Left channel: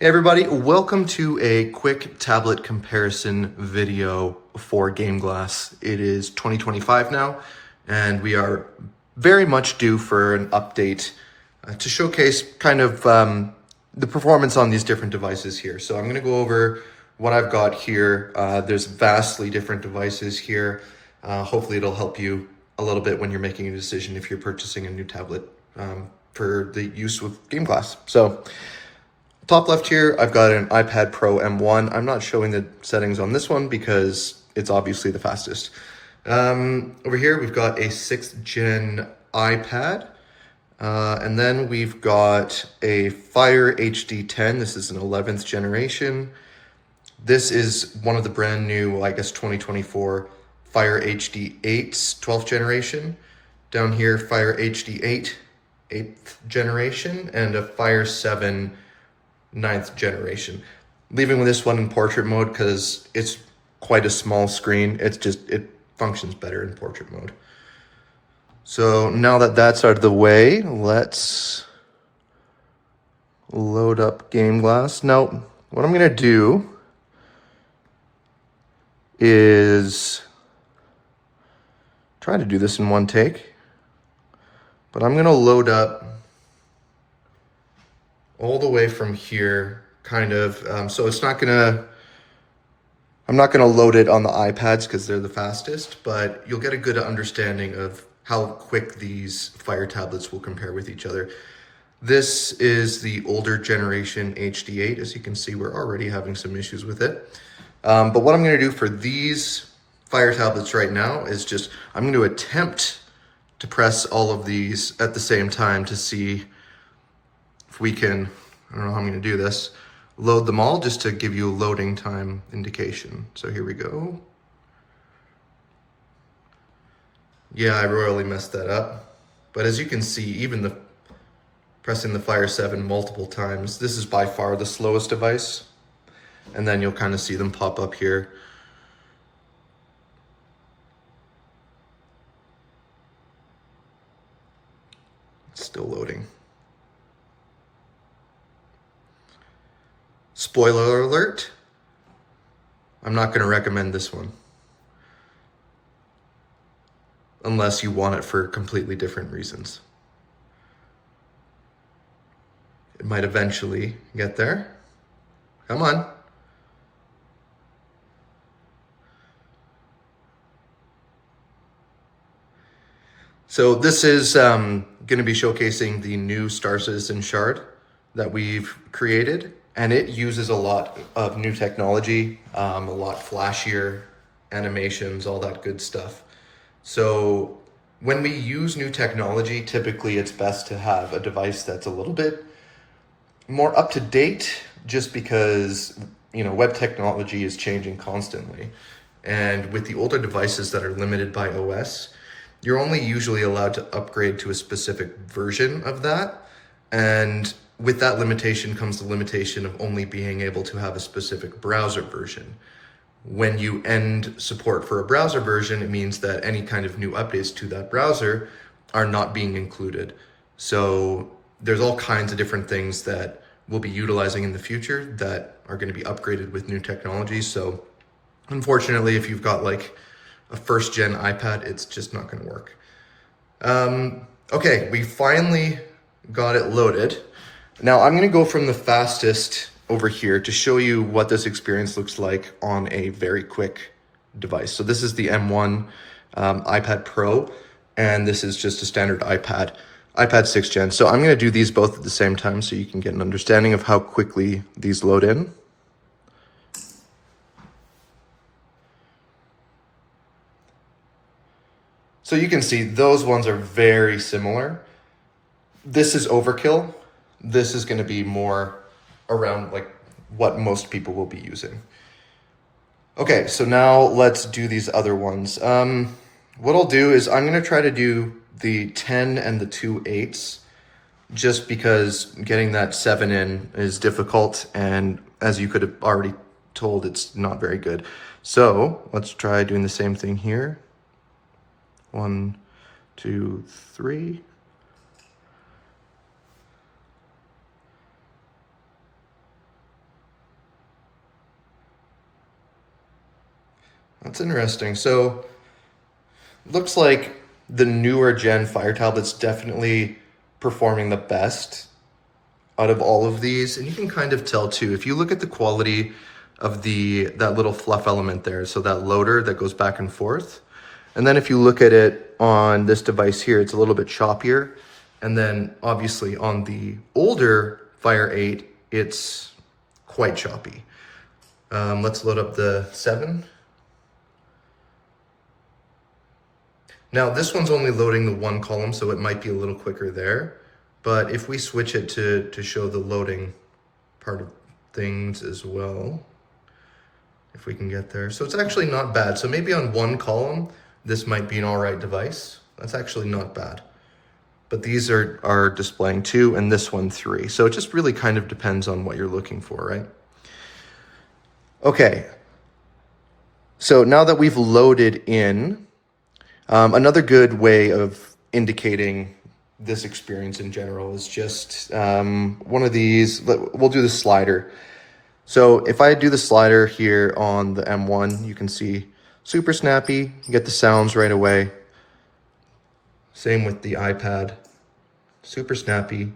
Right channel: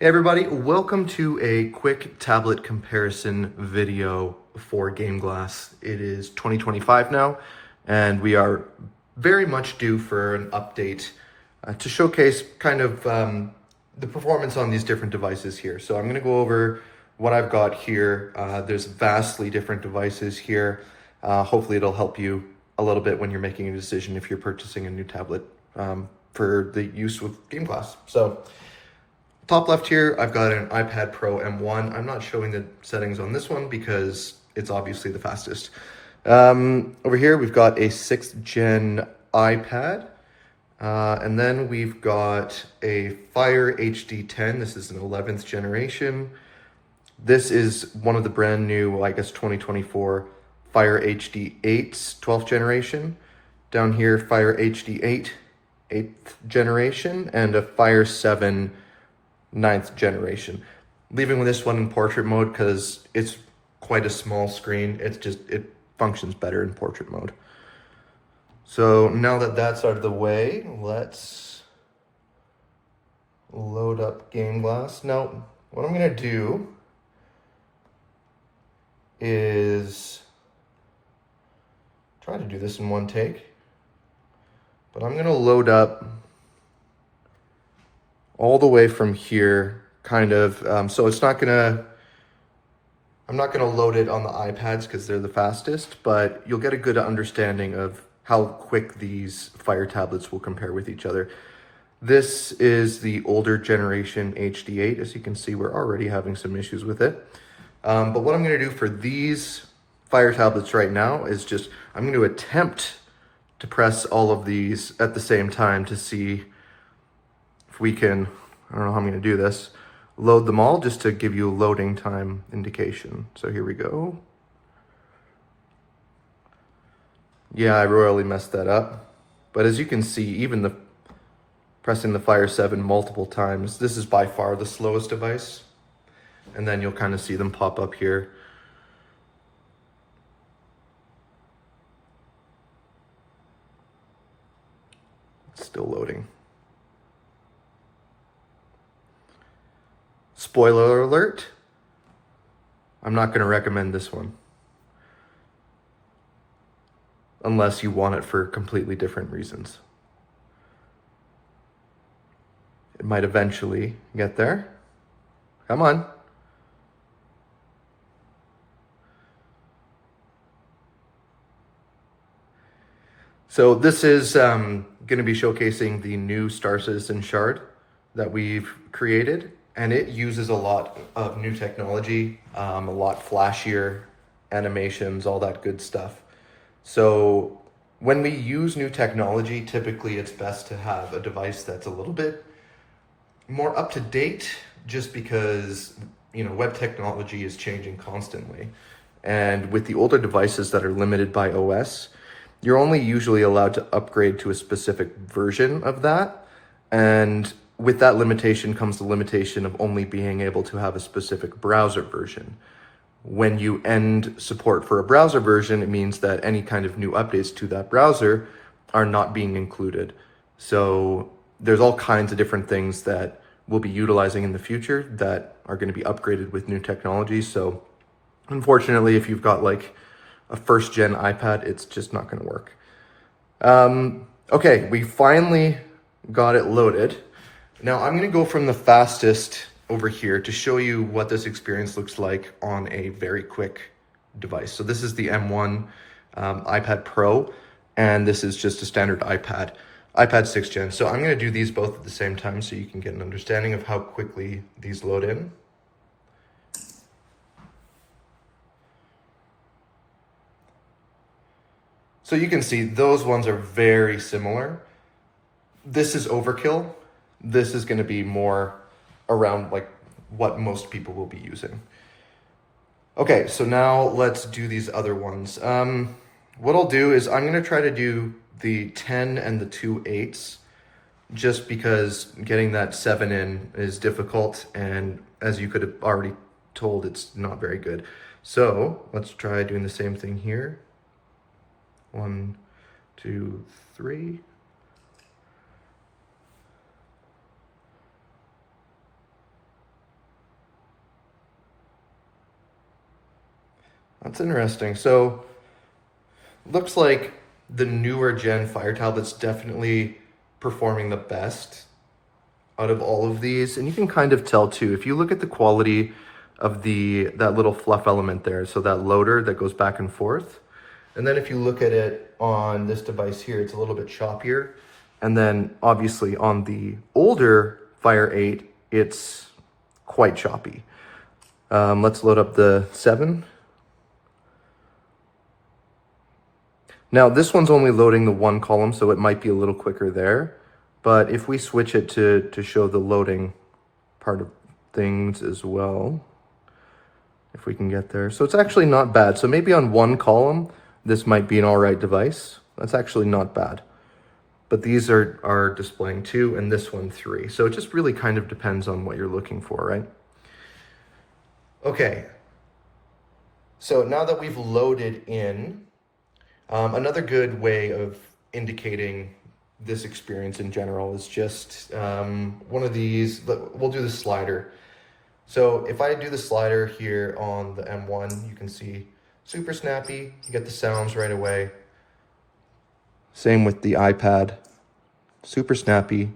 Hey everybody, welcome to a quick tablet comparison video for GameGlass. It is 2025 now, and we are very much due for an update to showcase kind of the performance on these different devices here. So I'm going to go over what I've got here. There's vastly different devices here. Hopefully it'll help you a little bit when you're making a decision if you're purchasing a new tablet for the use with GameGlass. So top left here, I've got an iPad Pro M1. I'm not showing the settings on this one because it's obviously the fastest. Over here, we've got a 6th gen iPad. And then we've got a Fire HD10. This is an 11th generation. This is one of the brand new, I guess, 2024 Fire HD8's 12th generation. Down here, Fire HD8, 8th generation, and a Fire 7 9th generation. Leaving with this one in portrait mode because it's quite a small screen. It functions better in portrait mode. So now that that's out of the way, let's load up GameGlass. Now, what I'm gonna do is try to do this in one take, but I'm gonna load up all the way from here, kind of, so it's not gonna, I'm not gonna load it on the iPads because they're the fastest, but you'll get a good understanding of how quick these Fire tablets will compare with each other. This is the older generation HD8. As you can see, we're already having some issues with it. But what I'm gonna do for these Fire tablets right now is just, I'm gonna attempt to press all of these at the same time to see if we can, I don't know how I'm gonna do this, load them all just to give you a loading time indication. So here we go. Yeah, I royally messed that up. But as you can see, even pressing the Fire 7 multiple times, this is by far the slowest device. And then you'll kind of see them pop up here. It's still loading. Spoiler alert, I'm not going to recommend this one unless you want it for completely different reasons. It might eventually get there. Come on. So this is going to be showcasing the new Star Citizen shard that we've created, and it uses a lot of new technology, a lot flashier animations, all that good stuff. So when we use new technology, typically it's best to have a device that's a little bit more up to date, just because, you know, web technology is changing constantly. And with the older devices that are limited by OS, you're only usually allowed to upgrade to a specific version of that. And with that limitation comes the limitation of only being able to have a specific browser version. When you end support for a browser version, it means that any kind of new updates to that browser are not being included. So there's all kinds of different things that we'll be utilizing in the future that are going to be upgraded with new technology. So unfortunately, if you've got like a 1st gen iPad, it's just not going to work. Okay, we finally got it loaded. Now I'm going to go from the fastest over here to show you what this experience looks like on a very quick device. So this is the M1 iPad Pro, and this is just a standard iPad 6th gen. So I'm going to do these both at the same time so you can get an understanding of how quickly these load in. So you can see those ones are very similar. This is overkill. This is going to be more around like what most people will be using. Okay, so now let's do these other ones. What I'll do is I'm going to try to do the 10 and the 2 8s just because getting that 7 in is difficult, and as you could have already told, it's not very good. So let's try doing the same thing here. 1, 2, 3. That's interesting. So looks like the newer gen Fire tablet's definitely performing the best out of all of these. And you can kind of tell too, if you look at the quality of that little fluff element there, so that loader that goes back and forth. And then if you look at it on this device here, it's a little bit choppier. And then obviously on the older Fire 8, it's quite choppy. Let's load up the 7. Now this one's only loading the one column, so it might be a little quicker there. But if we switch it to show the loading part of things as well, if we can get there. So it's actually not bad. So maybe on one column, this might be an all right device. That's actually not bad. But these are displaying 2 and this one 3. So it just really kind of depends on what you're looking for, right? Okay. So now that we've loaded in, another good way of indicating this experience in general is just one of these. We'll do the slider. So if I do the slider here on the M1, you can see super snappy, you get the sounds right away. Same with the iPad, super snappy.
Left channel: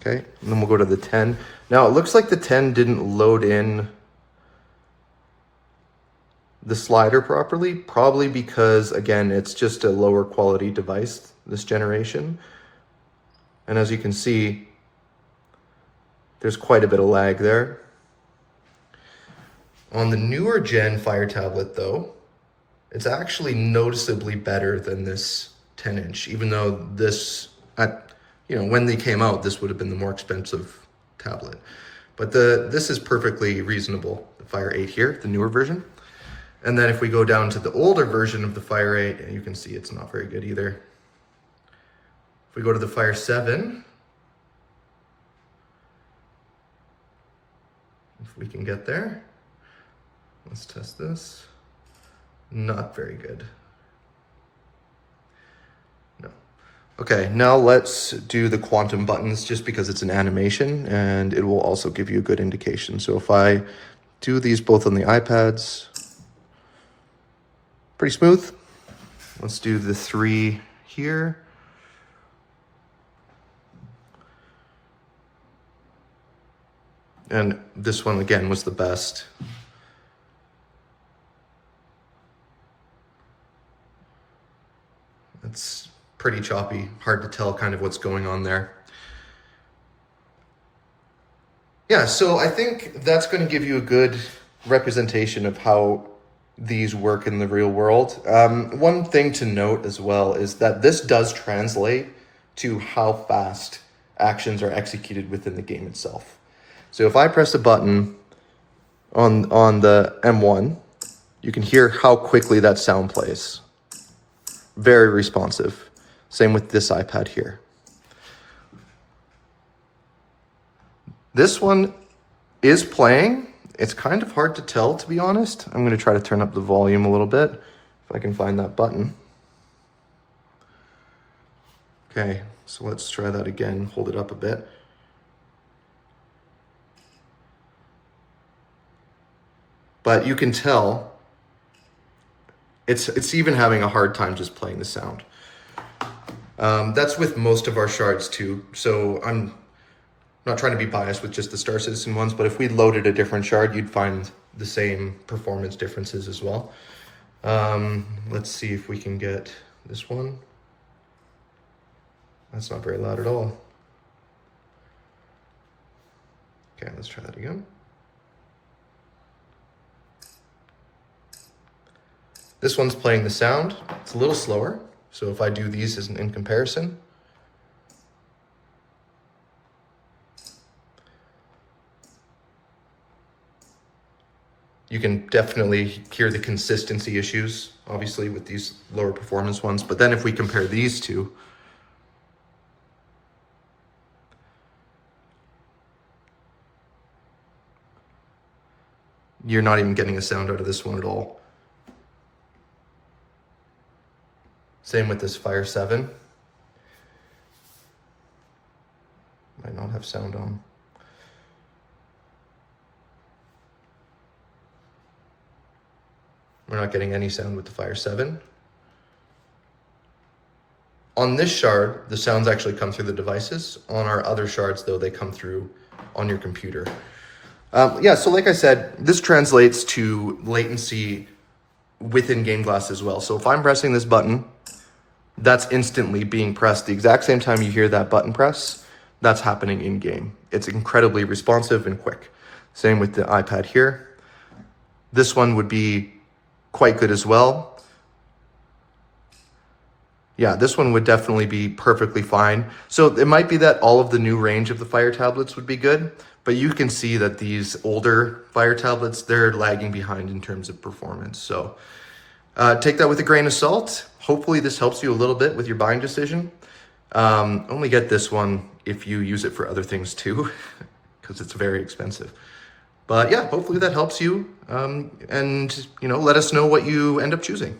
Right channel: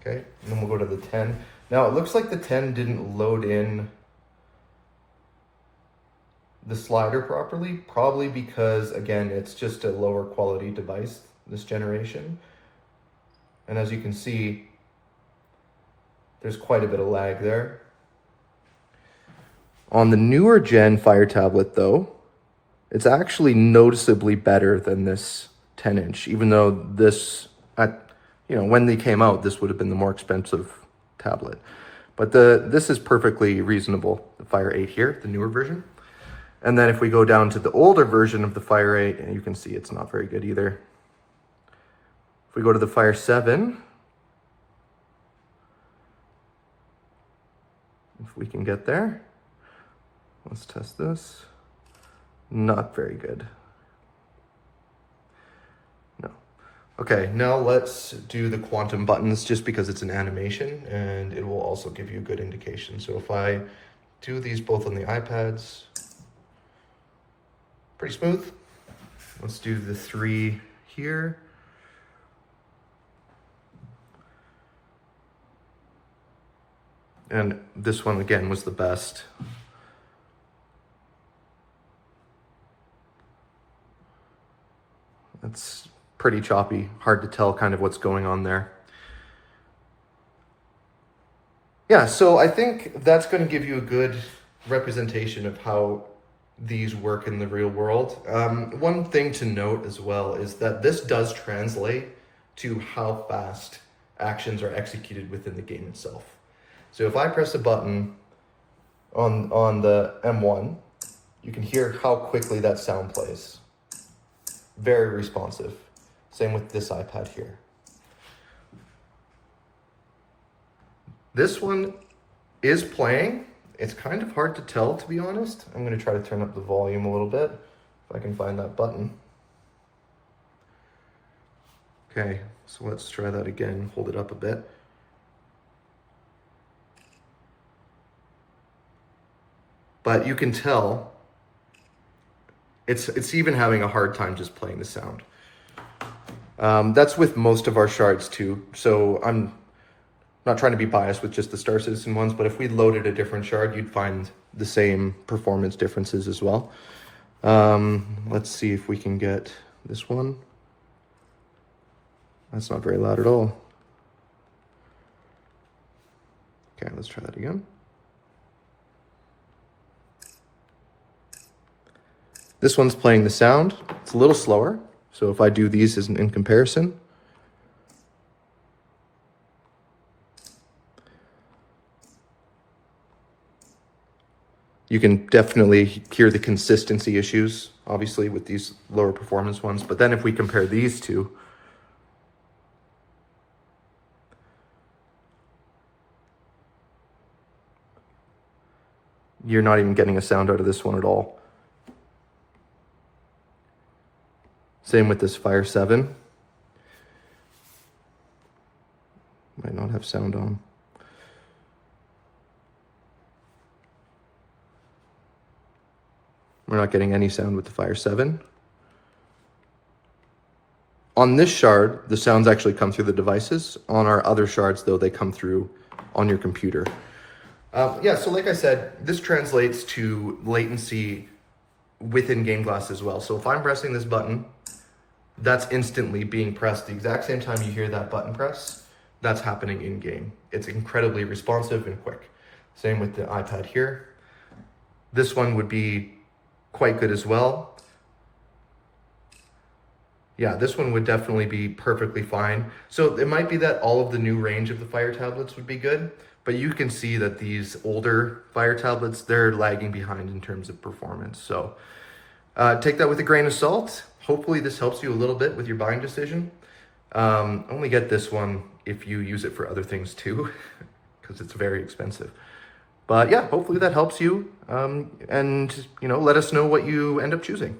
Okay, and then we'll go to the 10. Now it looks like the 10 didn't load in the slider properly, probably because, again, it's just a lower quality device this generation. And as you can see, there's quite a bit of lag there. On the newer gen Fire tablet though, it's actually noticeably better than this 10-inch, even though this, when they came out, this would have been the more expensive tablet. But this is perfectly reasonable, the Fire 8 here, the newer version. And then if we go down to the older version of the Fire 8, and you can see it's not very good either. If we go to the Fire 7, if we can get there, let's test this. Not very good. No. Okay, now let's do the quantum buttons just because it's an animation and it will also give you a good indication. So if I do these both on the iPads, pretty smooth. Let's do the 3 here. And this one again was the best. It's pretty choppy, hard to tell kind of what's going on there. Yeah, so I think that's going to give you a good representation of how these work in the real world. One thing to note as well is that this does translate to how fast actions are executed within the game itself. So if I press a button on the M1, you can hear how quickly that sound plays. Very responsive. Same with this iPad here. This one is playing. It's kind of hard to tell, to be honest. I'm going to try to turn up the volume a little bit if I can find that button. Okay, so let's try that again. Hold it up a bit. But you can tell it's even having a hard time just playing the sound. That's with most of our shards too. So I'm not trying to be biased with just the Star Citizen ones, but if we loaded a different shard, you'd find the same performance differences as well. Let's see if we can get this one. That's not very loud at all. Okay, let's try that again. This one's playing the sound. It's a little slower. So if I do these as in comparison, you can definitely hear the consistency issues, obviously, with these lower performance ones. But then if we compare these two, you're not even getting a sound out of this one at all. Same with this Fire 7. Might not have sound on. We're not getting any sound with the Fire 7. On this shard, the sounds actually come through the devices. On our other shards, though, they come through on your computer. Yeah, so like I said, this translates to latency within GameGlass as well. So if I'm pressing this button, that's instantly being pressed the exact same time you hear that button press. That's happening in game. It's incredibly responsive and quick. Same with the iPad here. This one would be quite good as well. Yeah, this one would definitely be perfectly fine. So it might be that all of the new range of the Fire tablets would be good, but you can see that these older Fire tablets, they're lagging behind in terms of performance. So take that with a grain of salt. Hopefully this helps you a little bit with your buying decision. Only get this one if you use it for other things too, because it's very expensive. But yeah, hopefully that helps you. And let us know what you end up choosing.